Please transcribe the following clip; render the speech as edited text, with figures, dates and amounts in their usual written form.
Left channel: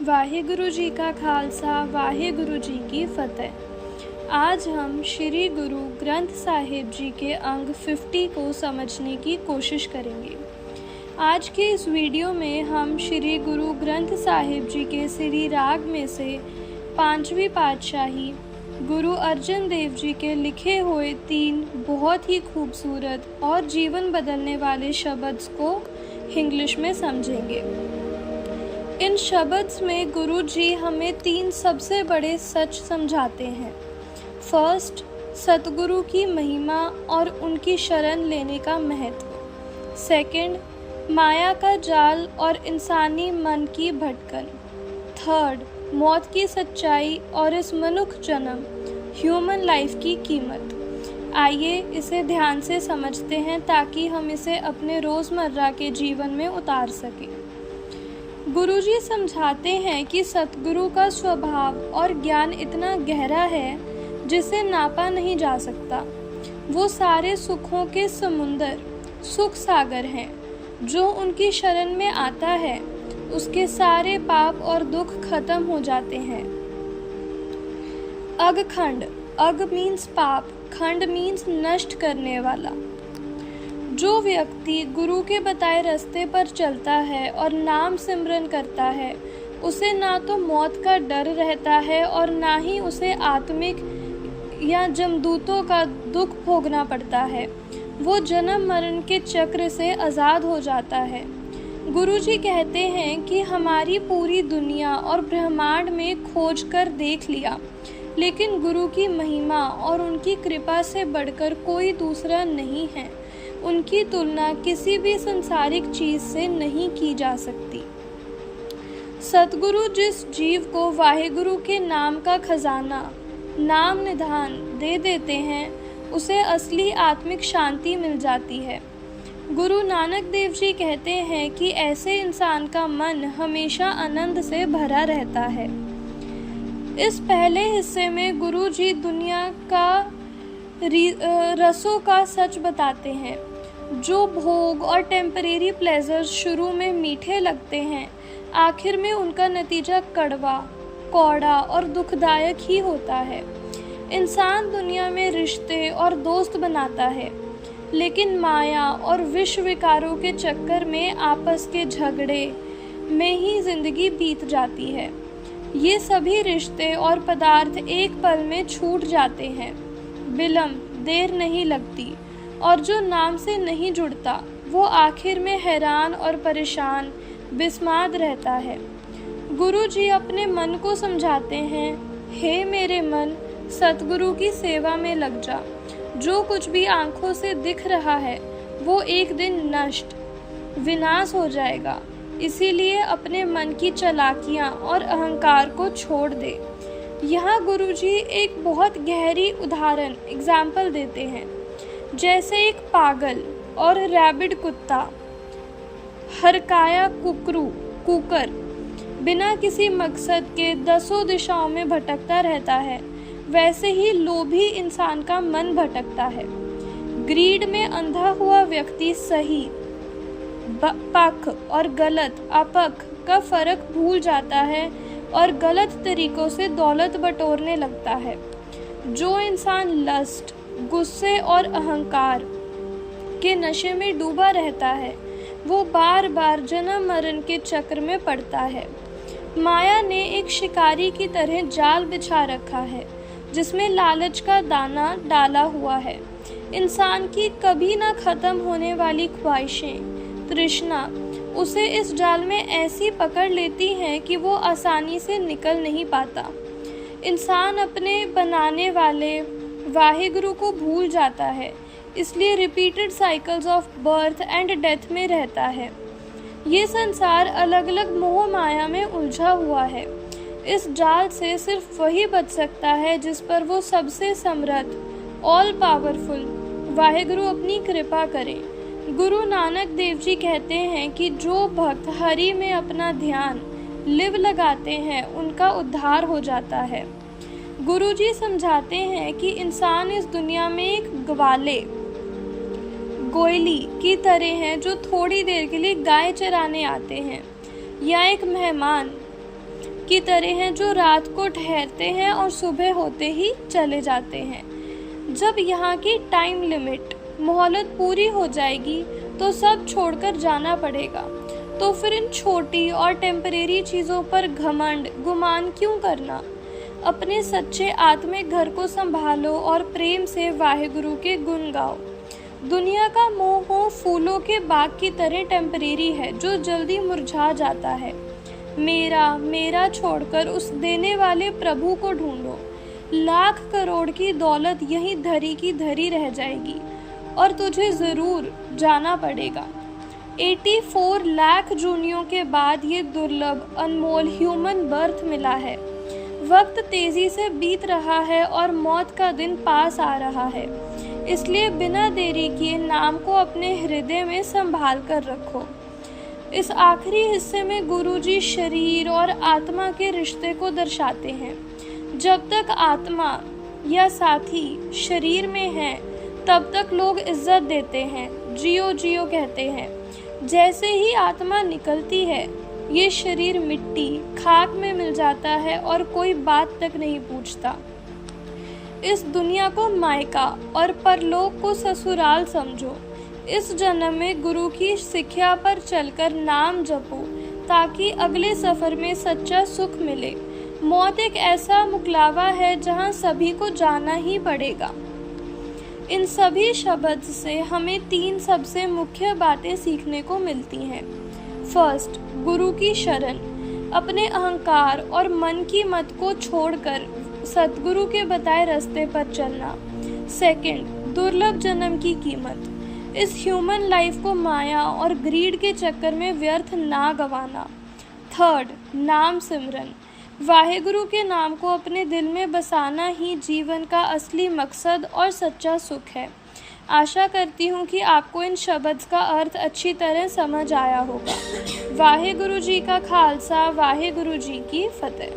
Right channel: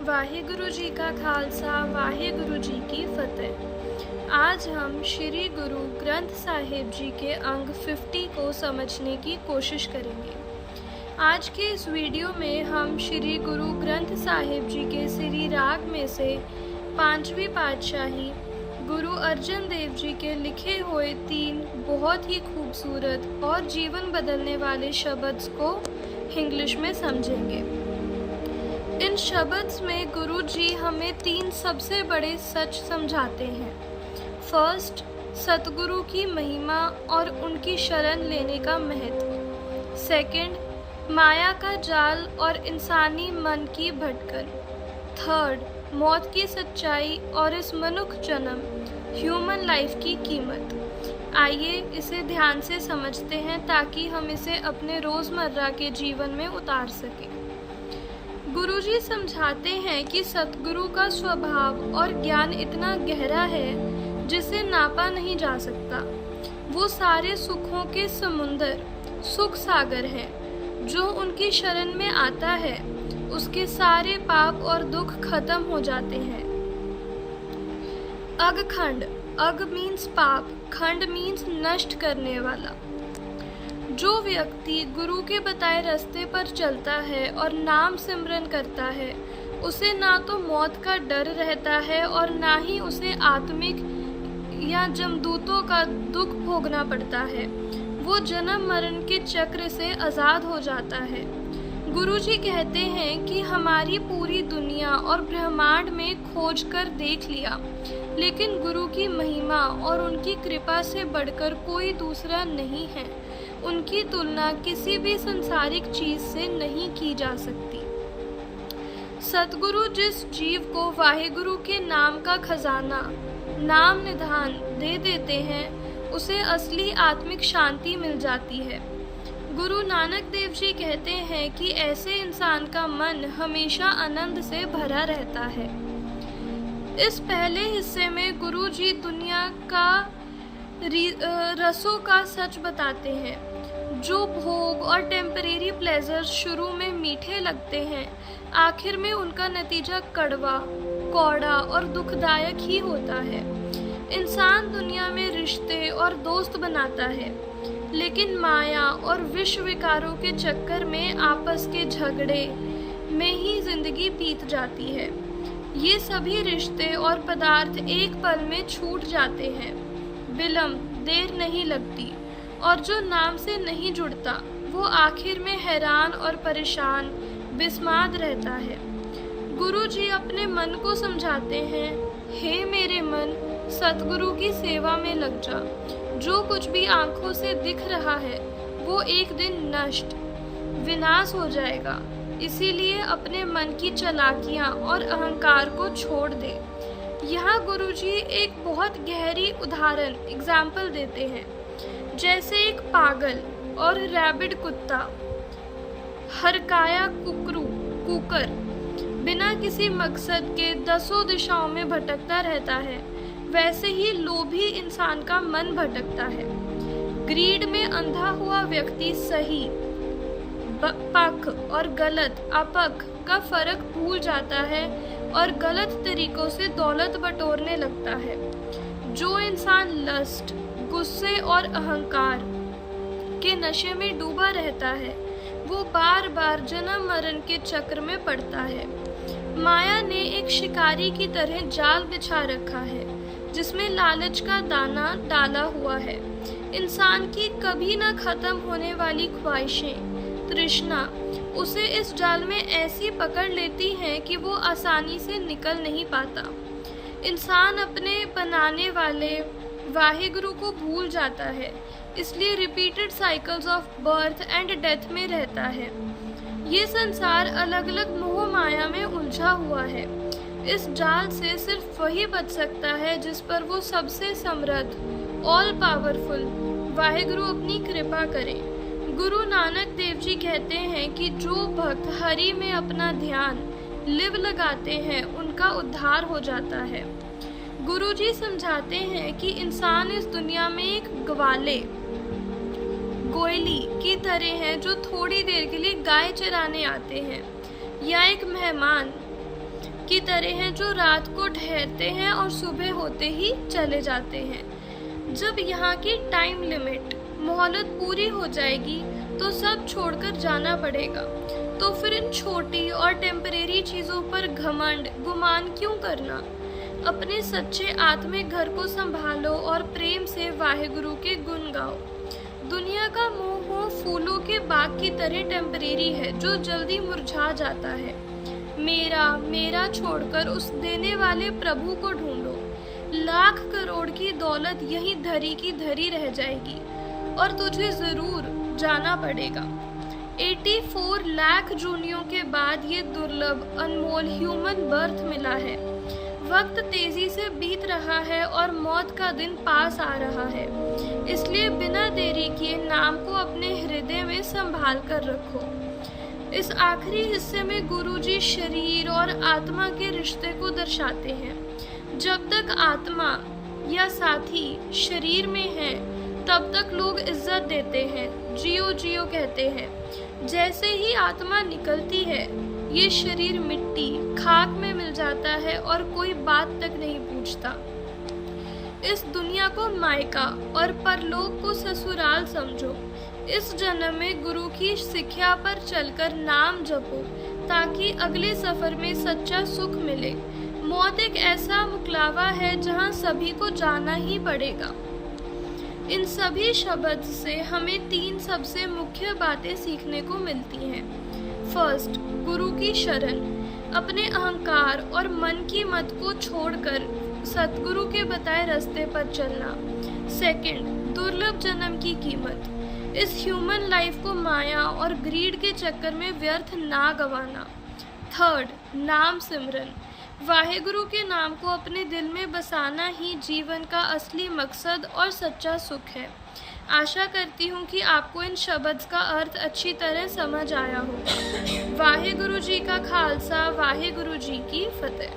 वाहिगुरु जी का खालसा वाहिगुरु जी की फतेह। आज हम श्री गुरु ग्रंथ साहिब जी के अंग 50 को समझने की कोशिश करेंगे। आज के इस वीडियो में हम श्री गुरु ग्रंथ साहिब जी के श्री राग में से 5वीं पातशाही गुरु अर्जन देव जी के लिखे हुए 3 बहुत ही खूबसूरत और जीवन बदलने वाले शब्द को इंग्लिश में समझेंगे। इन शब्द में गुरु जी हमें 3 सबसे बड़े सच समझाते हैं। फर्स्ट, सतगुरु की महिमा और उनकी शरण लेने का महत्व। सेकंड, माया का जाल और इंसानी मन की भटकन। थर्ड, मौत की सच्चाई और इस मनुष्य जन्म ह्यूमन लाइफ की कीमत। आइए इसे ध्यान से समझते हैं ताकि हम इसे अपने रोज़मर्रा के जीवन में उतार सकें। गुरुजी समझाते हैं कि सतगुरु का स्वभाव और ज्ञान इतना गहरा है जिसे नापा नहीं जा सकता। वो सारे सुखों के समुंदर, सुख सागर हैं। जो उनकी शरण में आता है उसके सारे पाप और दुख खत्म हो जाते हैं। अगखंड, अग मीन्स पाप, खंड मीन्स नष्ट करने वाला। जो व्यक्ति गुरु के बताए रास्ते पर चलता है और नाम सिमरन करता है उसे ना तो मौत का डर रहता है और ना ही उसे आत्मिक या जमदूतों का दुख भोगना पड़ता है। वो जन्म मरण के चक्र से आज़ाद हो जाता है। गुरुजी कहते हैं कि हमारी पूरी दुनिया और ब्रह्मांड में खोज कर देख लिया, लेकिन गुरु की महिमा और उनकी कृपा से बढ़कर कोई दूसरा नहीं है। उनकी तुलना किसी भी संसारिक चीज से नहीं की जा सकती। सतगुरु जिस जीव को वाहिगुरु के नाम का खजाना, नाम निधान दे देते हैं उसे असली आत्मिक शांति मिल जाती है। गुरु नानक देव जी कहते हैं कि ऐसे इंसान का मन हमेशा आनंद से भरा रहता है। इस पहले हिस्से में गुरु जी दुनिया का रसों का सच बताते हैं। जो भोग और टेम्परेरी प्लेजर्स शुरू में मीठे लगते हैं, आखिर में उनका नतीजा कड़वा, कौड़ा और दुखदायक ही होता है। इंसान दुनिया में रिश्ते और दोस्त बनाता है, लेकिन माया और विश्व विकारों के चक्कर में आपस के झगड़े में ही जिंदगी बीत जाती है। ये सभी रिश्ते और पदार्थ एक पल में छूट जाते हैं। विलंब, देर नहीं लगती, और जो नाम से नहीं जुड़ता वो आखिर में हैरान और परेशान, बिस्माद रहता है। गुरु जी अपने मन को समझाते हैं, हे मेरे मन, सतगुरु की सेवा में लग जा। जो कुछ भी आंखों से दिख रहा है वो एक दिन नष्ट, विनाश हो जाएगा। इसीलिए अपने मन की चालाकियां और अहंकार को छोड़ दे। यहाँ गुरुजी एक बहुत गहरी उदाहरण एग्जाम्पल देते हैं। जैसे एक पागल और रैबिड कुत्ता, हरकाया कुकर बिना किसी मकसद के 10 दिशाओं में भटकता रहता है, वैसे ही लोभी इंसान का मन भटकता है। ग्रीड में अंधा हुआ व्यक्ति सही पक्ष और गलत अपक्ष का फर्क भूल जाता है और गलत तरीकों से दौलत बटोरने लगता है। जो इंसान लस्ट, गुस्से और अहंकार के नशे में डूबा रहता है वो बार बार जन्म मरण के चक्र में पड़ता है। माया ने एक शिकारी की तरह जाल बिछा रखा है जिसमें लालच का दाना डाला हुआ है। इंसान की कभी ना खत्म होने वाली ख्वाहिशें, तृष्णा उसे इस जाल में ऐसी पकड़ लेती हैं कि वो आसानी से निकल नहीं पाता। इंसान अपने बनाने वाले वाहिगुरु को भूल जाता है, इसलिए repeated cycles of birth and death में रहता है। ये संसार अलग अलग मोह माया में उलझा हुआ है। इस जाल से सिर्फ वही बच सकता है जिस पर वो सबसे समर्थ, ऑल पावरफुल वाहिगुरु अपनी कृपा करें। गुरु नानक देव जी कहते हैं कि जो भक्त हरि में अपना ध्यान लिव लगाते हैं उनका उद्धार हो जाता है। गुरुजी समझाते हैं कि इंसान इस दुनिया में एक ग्वाले, गोयली की तरह हैं जो थोड़ी देर के लिए गाय चराने आते हैं, या एक मेहमान की तरह हैं जो रात को ठहरते हैं और सुबह होते ही चले जाते हैं। जब यहाँ की टाइम लिमिट मोहलत पूरी हो जाएगी तो सब छोड़कर जाना पड़ेगा। तो फिर इन छोटी और टेम्परेरी चीज़ों पर घमंड गुमान क्यों करना। अपने सच्चे आत्मिक घर को संभालो और प्रेम से वाहेगुरु के गुण गाओ। दुनिया का मोह फूलों के बाग की तरह टेम्परेरी है जो जल्दी मुरझा जाता है। मेरा मेरा छोड़कर उस देने वाले प्रभु को ढूंढो। लाख करोड़ की दौलत यहीं धरी की धरी रह जाएगी और तुझे ज़रूर जाना पड़ेगा। 84 लाख जूनियों के बाद ये दुर्लभ अनमोल ह्यूमन बर्थ मिला है। वक्त तेजी से बीत रहा है और मौत का दिन पास आ रहा है, इसलिए बिना देरी किए नाम को अपने हृदय में संभाल कर रखो। इस आखिरी हिस्से में गुरुजी शरीर और आत्मा के रिश्ते को दर्शाते हैं। जब तक आत्मा या साथी शरीर में है तब तक लोग इज्जत देते हैं, जियो जियो कहते हैं। जैसे ही आत्मा निकलती है ये शरीर मिट्टी खाक में मिल जाता है और कोई बात तक नहीं पूछता। इस दुनिया को मायका और परलोक को ससुराल समझो। इस जन्म में गुरु की शिक्षा पर चलकर नाम जपो ताकि अगले सफर में सच्चा सुख मिले। मौत एक ऐसा मुकलावा है जहां सभी को जाना ही पड़ेगा। इन सभी शब्द से हमें 3 सबसे मुख्य बातें सीखने को मिलती हैं। फर्स्ट, गुरु की शरण। अपने अहंकार और मन की मत को छोड़कर सतगुरु के बताए रास्ते पर चलना। सेकंड, दुर्लभ जन्म की कीमत। इस ह्यूमन लाइफ को माया और ग्रीड के चक्कर में व्यर्थ ना गंवाना। थर्ड, नाम सिमरन। वाहेगुरु के नाम को अपने दिल में बसाना ही जीवन का असली मकसद और सच्चा सुख है। आशा करती हूँ कि आपको इन शब्द का अर्थ अच्छी तरह समझ आया होगा। वाहेगुरु जी का खालसा, वाहेगुरु जी की फतेह।